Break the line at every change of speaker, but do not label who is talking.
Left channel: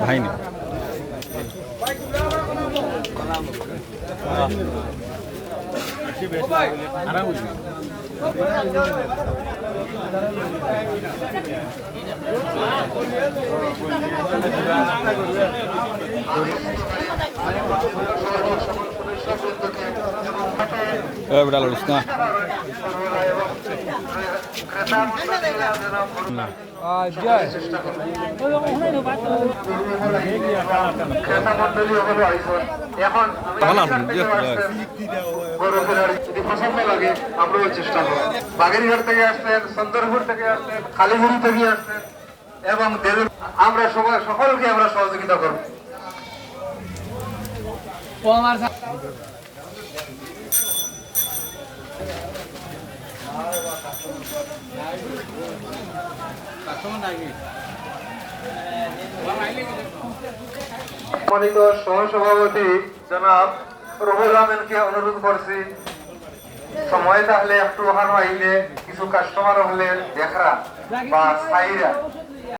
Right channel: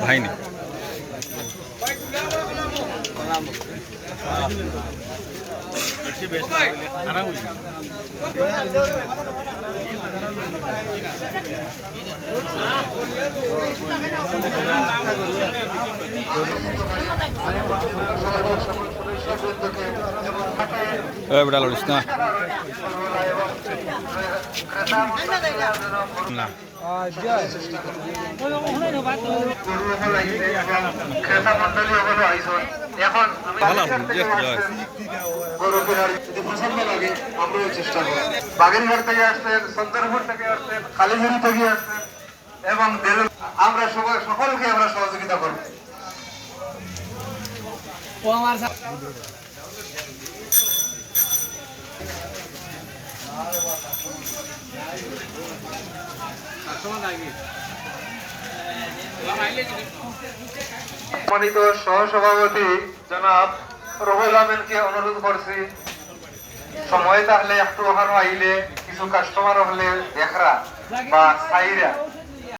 ভাইনি। বেটা লড়িস না।
এখন
আছেন জি
আমরাও চেষ্টা করব বাগেরঘাট থেকে আসলেন সন্তরপুর থেকে আসলেন খালিগুড়ি থেকে আসলেন এবং আমরা সবাই সকলকে আমরা সহযোগিতা করব। সম্মানিত সহসভাপতি জনাব রুহুল আহমেদকে অনুরোধ করছি। সময় তাহলে একটু ওখানে আইলে কিছু কাস্টমার হলে দেখরা বা সাইরা